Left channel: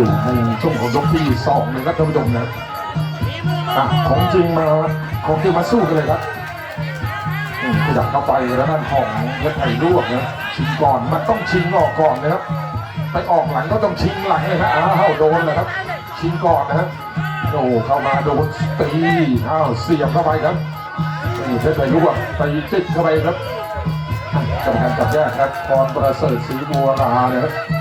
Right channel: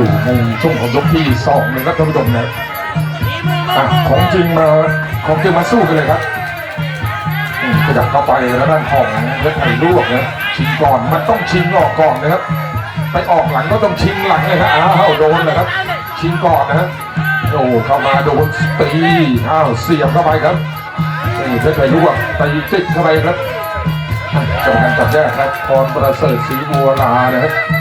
อยู่ในช่วงของยกที่สองเลยครับท่านผู้ชมเนะอะของจริงมาของจริงมาสู้กันเลยครับอืมขยับเข้าไปแล้วด้านของเล็กไผ่ลวกนะชิงก่อนมันต้องชิงออกก่อนนะครับ ไปออกหลังก็ต้องชิงหลังเลยครับอ้าวโดนนะครับ ชิงก่อนนะฮะโอ้เข้ามาโดนตีอ้าวเสียบเข้าไปครับเพชรไผ่ลวกตีจิกเข้าไปครับกรรมการจับแยกครับพรประเสริฐศรีบัวลานะครับ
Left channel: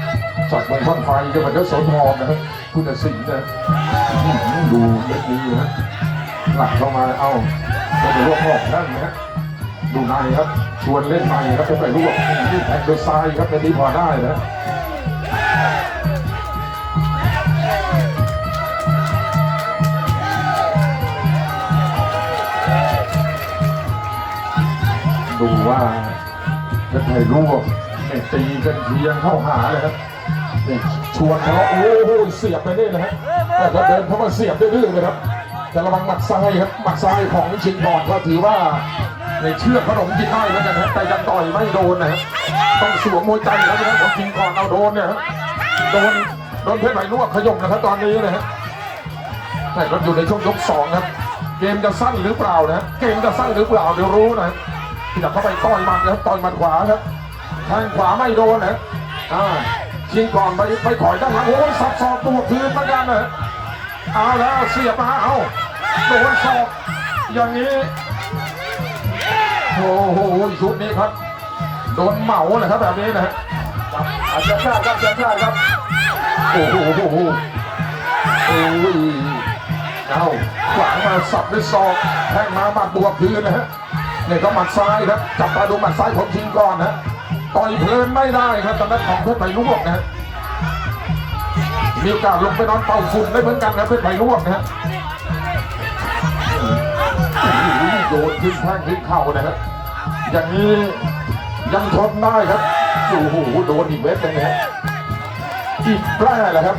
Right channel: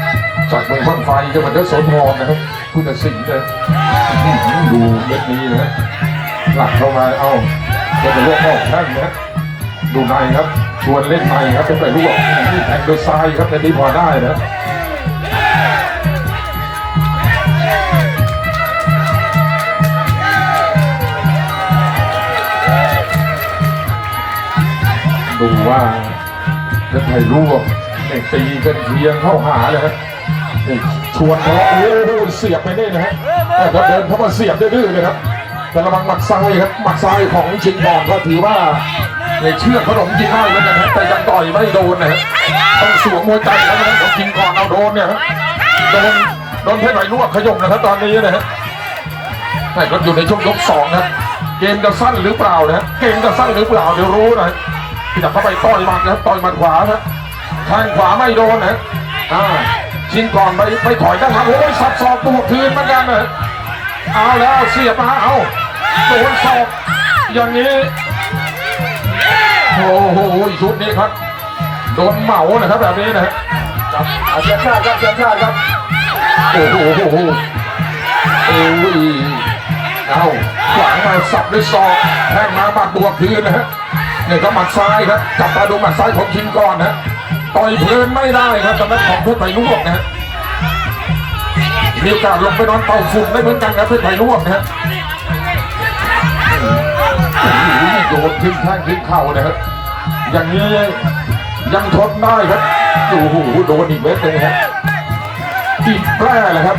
จากเมืองบ้านไฟจังหวัดยโสธรนะครับผู้ตัดสินนะดูเม็ดนี้นะหลักเข้ามาเอาจะเป็นลูกนอกแข้งนะดูในครับ ชวนเล่นในครับเป็นไปลวกนี่แทงโดยซ้ายครับในนี้พอได้นะดูว่าจะไทยลวกเนี่ยตีกันเทียงเข้าหาเลยครับ ชวนทะเลาะโอ้โหเสียบไปนี่นะฮะแต่ถ้าเดินเข้ามาเสียบดื้อๆเลยครับ แต่ระวังหมัดซ้ายครับหมัดซ้ายของชิงบองก็ถือว่าในเชือกขนมกินได้เหมือนกันนะแต่ยังต่อยไม่โดนนะฮะต้องสวมมวยใจแล้วนะครับของกินก่อนเอาโดนเนี่ยฮะโดนโดนเพชรไหลลวกขยมนะครับตอนนี้นะฮะแต่ก็อยู่ในช่วงยกสองนะเกมจะสั้นหรือเปล่านะเกมจะสั้นหรือเปล่าเดี๋ยวรู้นะฮะที่จับเข้าไปต่อยหมัดนะครับต่อยหมัดขวาครับแทงขวาไม่โดนนะฮะอ่า ชิงก่อนไปไปถอยด้านหลังโอ้ยสับศอกตัวคืนเหมือนกันเลยเอาแล้วเสียบมาเอาโดนศอกอย่างนี้โอ้โหชุดนี้ครับโดนเหมานะครับแบบนี้นะฮะเอาเชียร์ชาติครับเชียร์ชาติครับโอ้โหโอ้โหโอ้ยเอาขวางมาสับด้วยศอกแทงมาบัดบวกคืนนะฮะนี่ครับหมัดซ้ายครับจับตาดูหมัดซ้ายของชิงก่อนนะฮะ ต่อยเพลินไม่ได้ครับตอนนั้นของเพชรไผ่ลวกนะฮะมีโอกาสลงไปนอนเป่าฝุ่นได้เหมือนกันครับเพชรไผ่ลวกนะฮะโอ้โหโยนขึ้นแข้งขึ้นเข่านะครับ อย่างนี้ยังทนได้ครับโอ้โหโดนอีกเม็ดหนึงครับอีกแปร่แหละครับ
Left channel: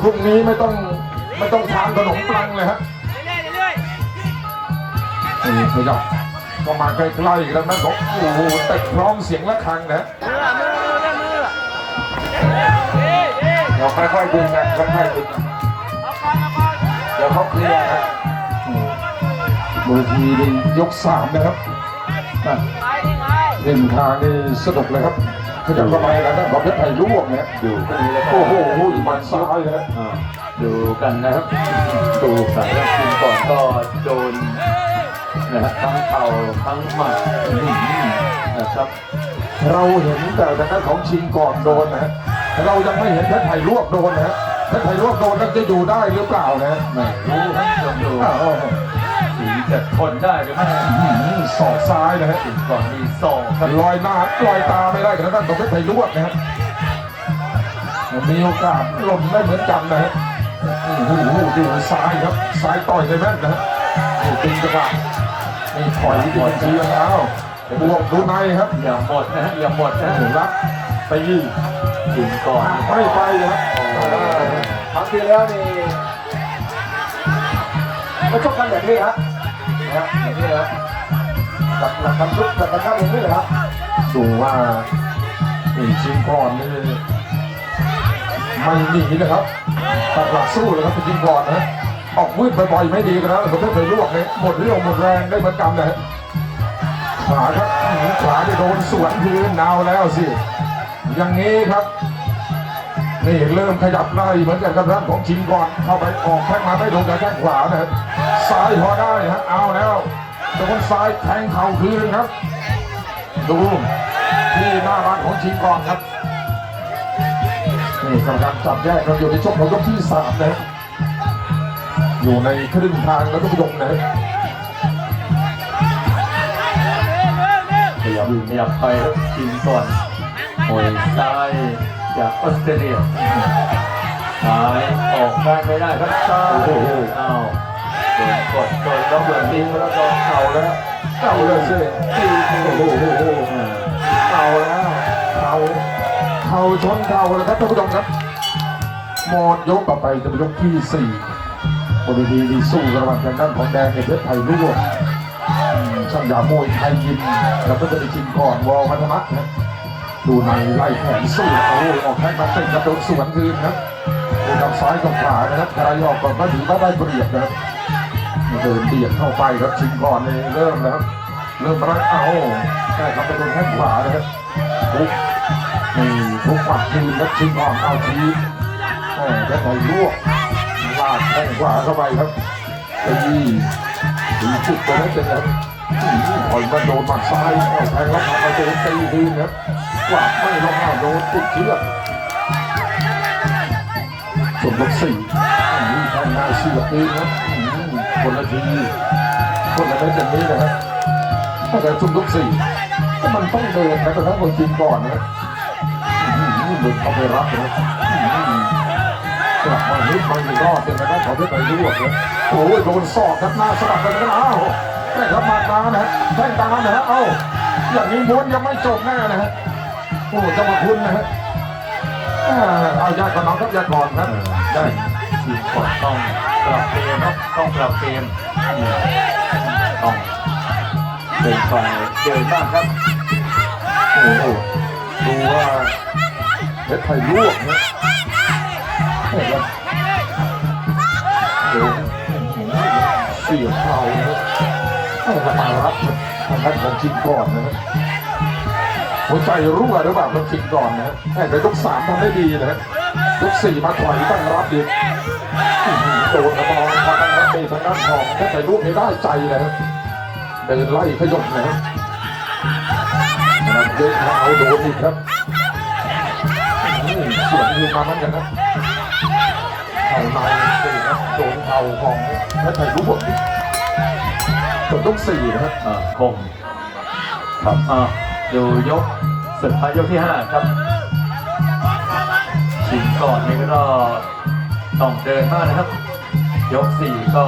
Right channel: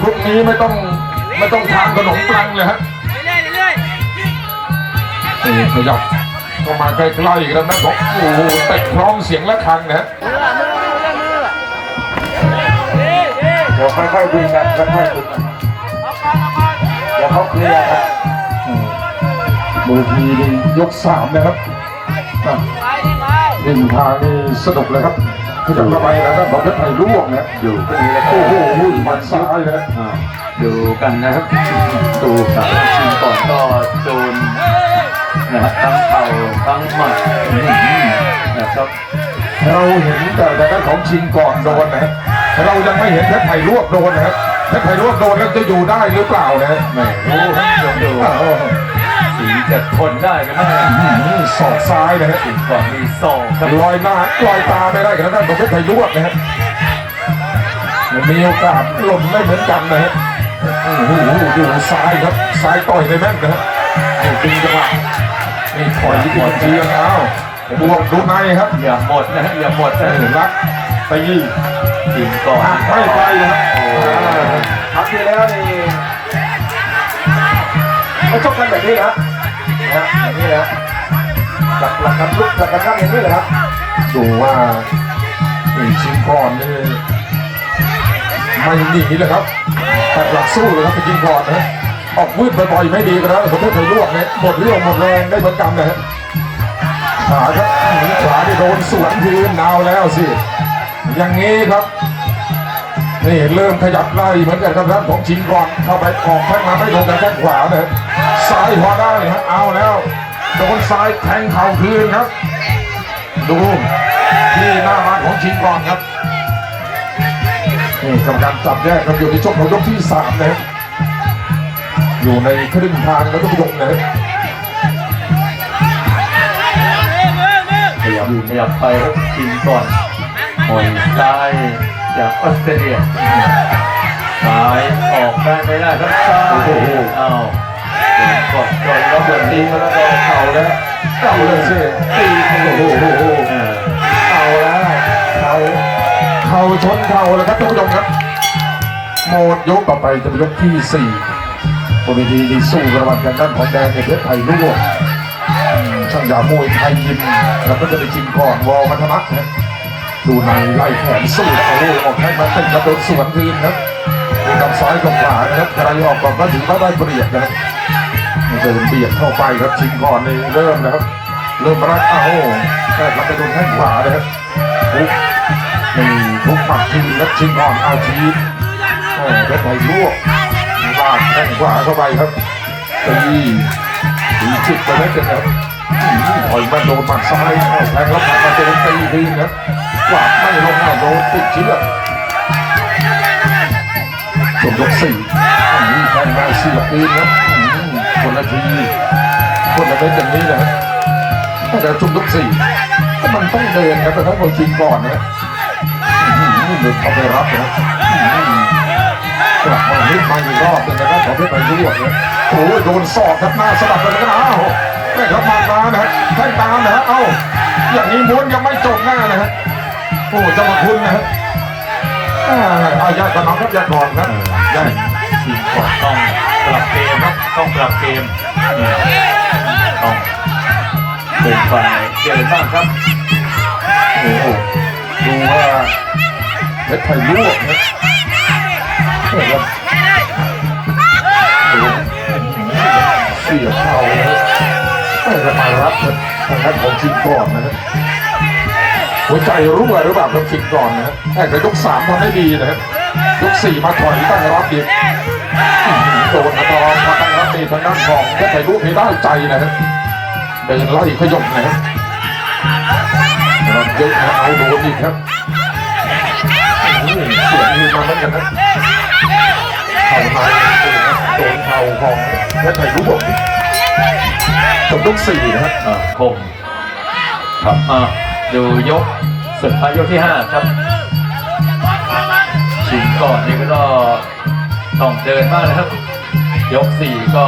พรุ่งนี้ไม่ต้องไม่ต้องทานขนมปังเลยฮะนี่ขยับ เข้ามาใกล้ๆอีกแล้วแม่บอกโอ้โหเตะพร้อมเสียงระฆังนะฮะเดี๋ยวค่อยๆคุยกันค่อยๆคุยกันเดี๋ยวเขาเคลียร์ครับบางทีเป็นยกสามนะครับอะเล่นทางนี่สนุกเลยครับขยับเข้าไปแล้วนะบอกเพชรไผ่ลวกนะอยู่ตรงนี้แล้วโอ้โหหมัดซ้ายนะอ่าดูกันนะครับ ดูสามชิงก่อนก็โดน นะครับทั้งเข่าทั้งหมัดอื้อหือนะครับ เราเห็นแต่ทางด้านของชิงก่อนโดนนะฮะเรายังไม่เห็นเพชรไผ่ลวกโดนนะฮะเพชรไผ่ลวกโดนแล้วจะอยู่ได้หรือเปล่านะฮะไม่รู้ครับเดี๋ยวดูอ้าวสีจะทนได้กันแน่อื้อหือศอกซ้ายนะฮะชิงก่อนมีศอกครับลอยหน้าลอยตาไม่ได้กับทางด้านของเพชรไผ่ลวกนะฮะมีโอกาสหล่นได้เหมือนกันนะฮะโอ้โหดูซ้ายครับ ซ้ายต่อยในแม่นนะฮะนี่ดึงจังหวะ นี่ถอยหมดทีแล้วบวกดูในครับอย่าหมดนะฮะอย่าหมดนะหนึ่งรักตีชิงก่อนไม่ไปครับครั้งที่แล้วนี่เขาชกกันแบบนี้นะนะอย่างนี้นะหลักหลักกันลุกหลักกันนั่งอย่างนี้เลยครับดูว่าอีชิงก่อนนี่ไม่หนีนะครับต่หลักสู้เลยครับไปยิงก่อนนะ ออกวืดบ่อยๆไม่ดีนแล้วผมไม่เคยลวกเนี่ยหมดเรี่ยวหมดแรงได้เหมือนกันนะขาครับขวาที่โดนสวนพื้นดาวแล้วสิ อย่างนี้ครับ นี่เริ่มขยับไล่เหมือนกันครับท่านของชิงก่อนเข้าไปออกแข้งมาไม่โดนกับแข้งขวานะซ้ายพอได้ฮะเอาแล้วโดนซ้ายแทงเข่าคืนครับ ดูที่หน้าร้านของชิงก่อนครับนี่กำลังจับแยกกันอยู่ในช่วงของยกที่สามนะครับ อยู่ในครึ่งทางแล้วก็ยกนะครับขยับขยับไปครับชิงก่อนมวยซ้ายจากออสเตรเลียซ้ายออกได้ไม่ได้ครับซ้ายอ้าวโดกดกดแล้วเดือดตีมันก็เข่าแล้วเอาเลยสิตีโอ้โหโอ้โหเออเอาแล้วเข่าเข่าชนเข่าเลยครับท่านผู้ชมครับ หมดยกต่อไปจะเป็นยกที่สี่ บนเวทีที่สู้ระหว่างกันด้านของแดงในเพชรไทยลูกช่างยามวยไทยยิมแล้วก็จะไปชิงก่อนวอลมัทมักนะดูในไล่แขนสู้โอ้โหออกแข้งมาเตะกระโดดสวนทีมครับกับซ้ายกับขวานะครับใครออกก่อนก็ถือว่าได้เปรียบนะครับเดินเบียดเข้าไปครับชิงก่อนนี่เริ่มนะครับเริ่มรักเอาแต่รับไปโดนแข้งขวานะครับทุกนี่ทุกหมัดทีมครับชิงก่อนเอาทีมเออเพชรไทยลวกากแข้งขวาเข้าไปครับตีตีจิตไปแล้วกันครับปล่อยมาโดนหมัดซ้ายเอาแทงแล้วหมัดมาโดนตีทีครับกวาดไม่ลงหน้าโดนติดเชือกจบยกสี่อันนี้แทงได้เสียบปืนครับคนละทีคนละเม็ดอย่างนี้นะฮะแต่จุดยกสี่ก็มันต้องเดินครับแต่ถ้าเราชิงก่อนนะอืมเดินเข้าไปรับนะ รอบหนึงนะครับขอเพชรไปด้วยนะโอ้ยโดนศอกครับหน้าสะบัดไปแล้วนะอ้าวไม่ครับมาตามนะฮะแท่งตามนะฮะเอ้าอย่างนี้ม้วนยังไม่จบหน้านะฮะโอ้จ้าพระคุณนะฮะอ่าอาญาติกันน้องครับญาติก่อนครับญาติทีมก่อนต้องปรับเกมครับต้องปรับเกมต้องเป็นฝ่ายเดินบ้างครับโอ้โหดูว่าเพชรไทยลวกนะ เออครับดูเสียเข้านะเออมารับครับทางด้านของชิงก่อนนะครับหัวใจรั่วหรือเปล่าครับชิงก่อนนะแต่ยกสามทำได้ดีนะครับยกสี่มาถอยตั้งรับอีกโดนอัตราพอตั้งรับดีทางด้านของเพชรไทยลวกให้ได้ใจนะครับเดินไล่ขยมนะครับมันเยอะนะเอาโดนอีกครับเสียงยืนมาเหมือนกันนะเข่าใน โดนเข่าของเพชรไทยรู้ผมจบยกสี่นะครับอ่าคงครับอ่าดูยกสุดท้ายยกที่ห้าครับชิงก่อนนี่ก็ต้องเดินมากนะครับ ยกสี่ก็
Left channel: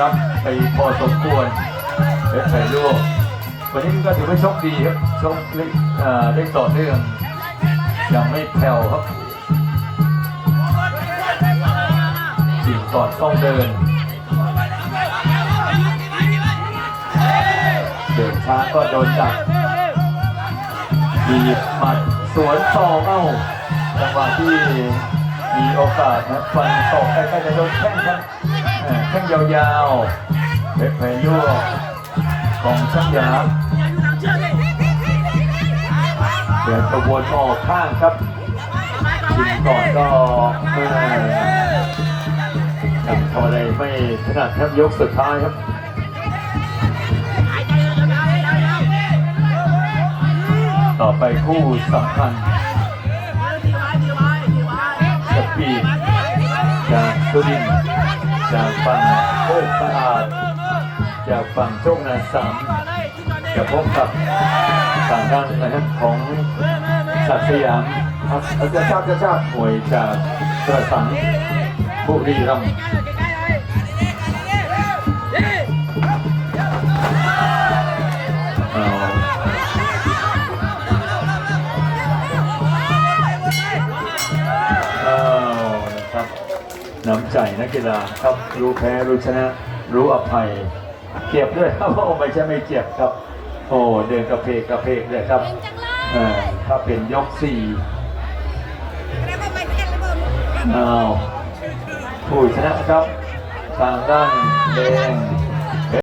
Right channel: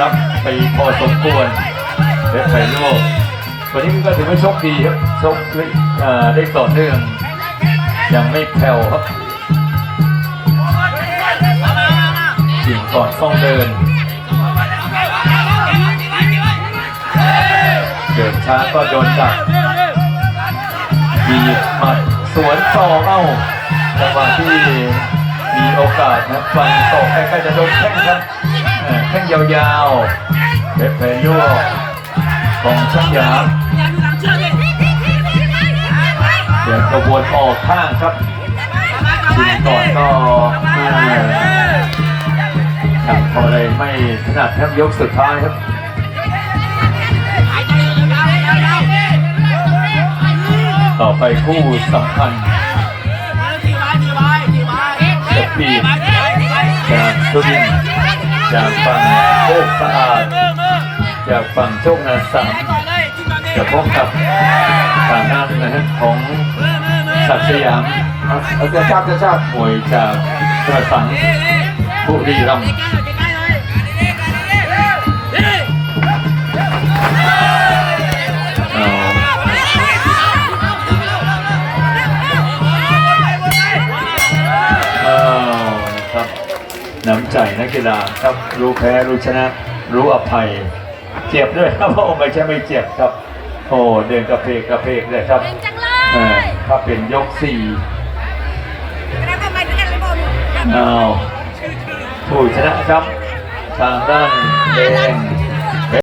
รับไปพอสมควรเพชรไผ่ลวกวันนี้มันก็ถือว่าโชคดีครับโชคได้ต่อได้ต่อเนื่องยังไม่แผ่วครับ ชิงก่อนต้องเดิน เดินช้าก็โดนดักมีหมัดสวนต่อเอ้าจังหวะที่มีโอกาสนะฟันต่อใกล้ๆจะโดนแข้งครับแข้งยาวๆเพชรเพลยั่วของช่างยามเดี๋ยวกระบวนออกข้างครับชิงก่อนก็ ไม่ทำอะไรไม่ถนัดครับยกสุดท้ายครับต่อไปคู่สำคัญจะปีดจากสุรินทร์จากฝั่งโคกสะอาด จากฝั่งโชคนาสัมจะพบกับฝั่งด้านนะฮะของศักดิ์สยามเอาจะชาติจะชาติมวยจากประสัง บุรีรัมย์เอาอ้าวนะครับน้ำใจนักกีฬาครับรู้แพ้รู้ชนะ รู้อภัย เจ็บด้วยครับโอ้ไม่ใช่ไม่เจ็บครับ โอ้เดินกระเพกกระเพกเลยครับเป็นจังเลเออยถ้าเป็นยกสี่แล้วทำไมถึงกันเลยบอลอ้าว ผู้ชนะครับ ทางด้านแดง